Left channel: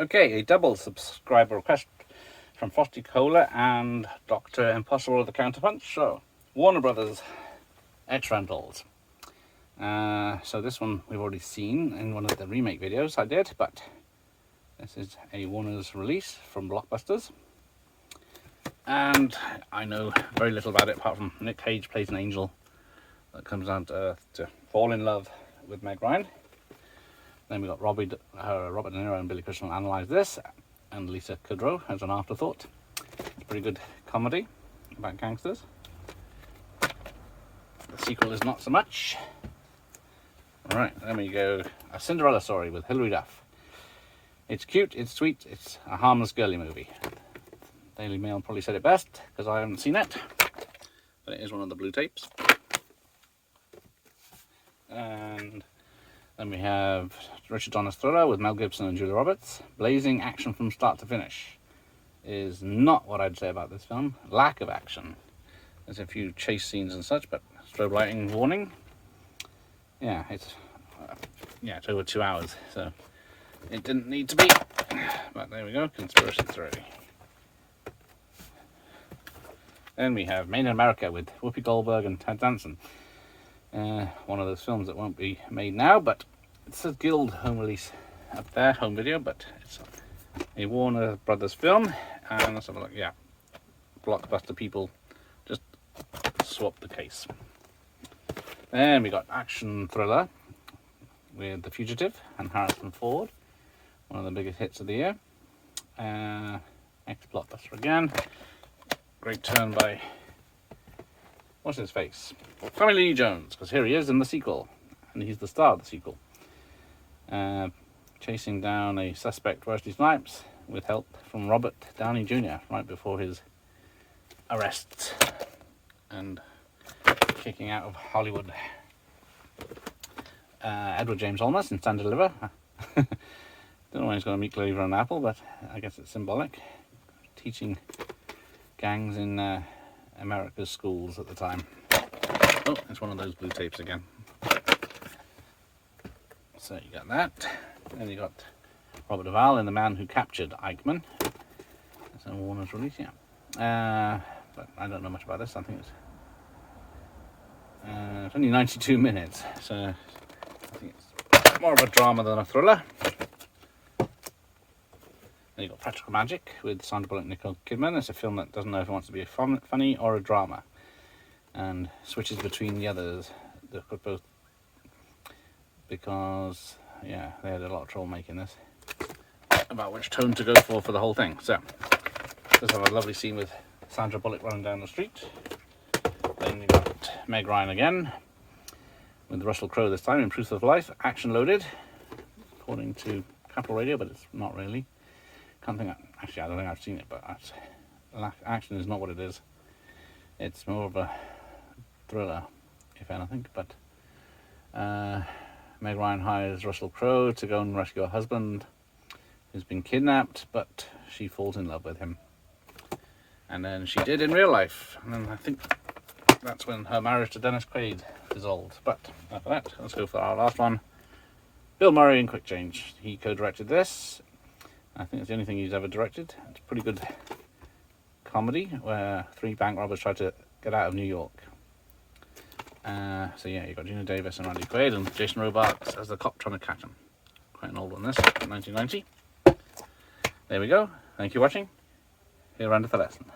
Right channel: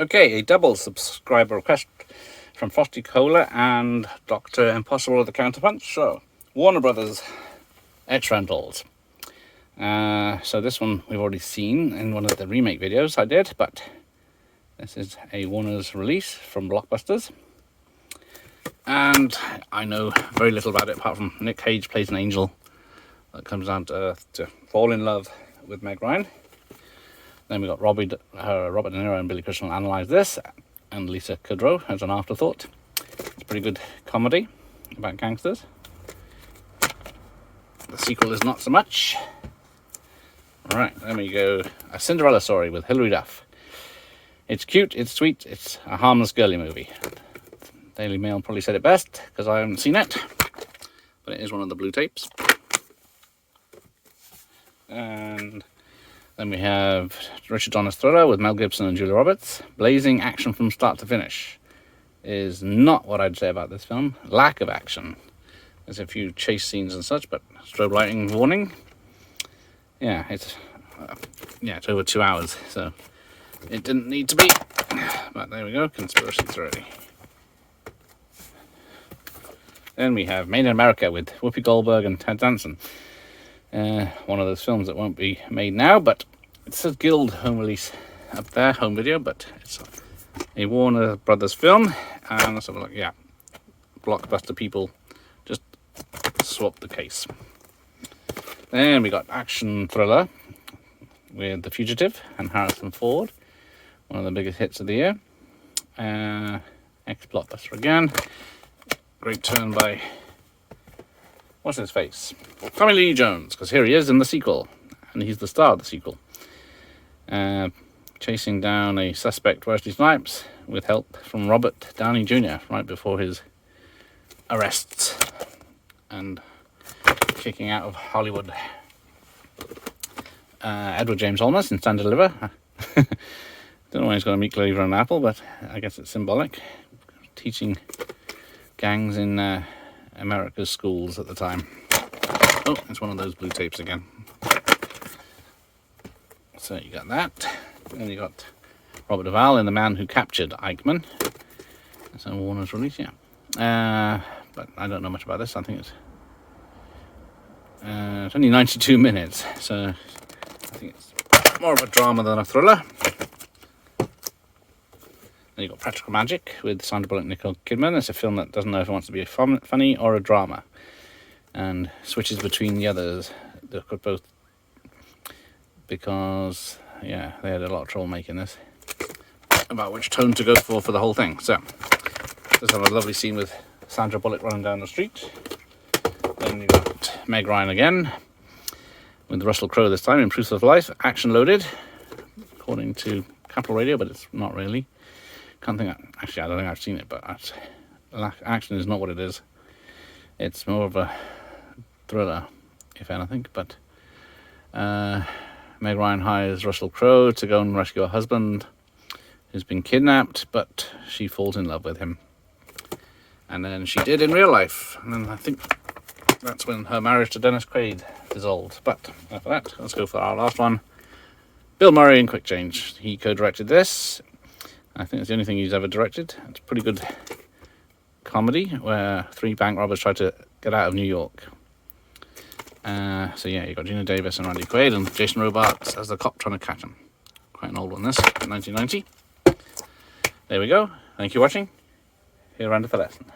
Okay, a double subscriber request from Frosty Cola and Dr. Impossible of the Counterpunch. So, Warner Brothers X Rentals. So this one we've already seen in one of the remake videos I did, but this is a Warner's release from Blockbusters. And I know very little about it apart from Nick Cage plays an angel that comes down to Earth to fall in love with Meg Ryan. Then we got Robert De Niro and Billy Crystal analyse this, and Lisa Kudrow as an afterthought. It's a pretty good comedy about gangsters. The sequel is not so much. Alright, then we go A Cinderella Story with Hilary Duff. It's cute, it's sweet, it's a harmless girly movie. Daily Mail probably said it best, because I haven't seen it. But it is one of the blue tapes. And then we have Richard Donner's thriller with Mel Gibson and Julia Roberts. Blazing action from start to finish is not what I'd say about this film. Lack of action. There's a few chase scenes and such, but strobe lighting warning. Yeah, it's over 2 hours, so it didn't need to be. But there we go, conspiracy theory. Then we have Made in America with Whoopi Goldberg and Ted Danson. One of those films that won't be made now, but it says Guild home release up there, home video, but it's a Warner Brothers film, and sort of like, yeah, Blockbuster people just swap the case. Then we got action thriller with The Fugitive and Harrison Ford, one of the biggest hits of the year. Ex-Blockbuster again. Great turn by, what's his face? Tommy Lee Jones, because here he is in the sequel, and he's the star of the sequel. Chasing down a suspect, Wesley Snipes, with help from Robert Downey Jr. right before his arrests and kicking out of Hollywood. Edward James Olmos in Stand and Deliver. Don't know when he's going to meet Cleaver and Apple, but I guess it's symbolic. Teaching gangs in America's schools at the time. Oh, it's one of those blue tapes again. So you got that. And you got Robert Duvall in The Man Who Captured Eichmann. It's a Warner's release, yeah. But I don't know much about this. I think it's only 92 minutes, so I think it's more of a drama than a thriller. Then you got Practical Magic with Sandra Bullock and Nicole Kidman. It's a film that doesn't know if it wants to be a funny or a drama, and switches between the others. They've got both, because yeah, they had a lot of trouble making this about which tone to go for the whole thing. So just have a lovely scene with Sandra Bullock running down the street. Then you got Meg Ryan again with Russell Crowe this time in Truth of Life, action loaded according to Capital Radio, but it's not really. Actually I don't think I've seen it, but action is not what it is. It's more of a thriller, if anything. But Meg Ryan hires Russell Crowe to go and rescue her husband who's been kidnapped, but she falls in love with him, and then she did in real life, and then I think that's when her marriage to Dennis Quaid dissolved. But enough of that, let's go for our last one. Bill Murray in Quick Change. He co-directed this. I think it's the only thing he's ever directed. It's a pretty good comedy where 3 bank robbers try to get out of New York. So yeah, you got Gina Davis and Randy Quaid and Jason Robards as the cop trying to catch him. Quite an old one this, 1990. There we go. Thank you for watching. Here, Randy for lesson.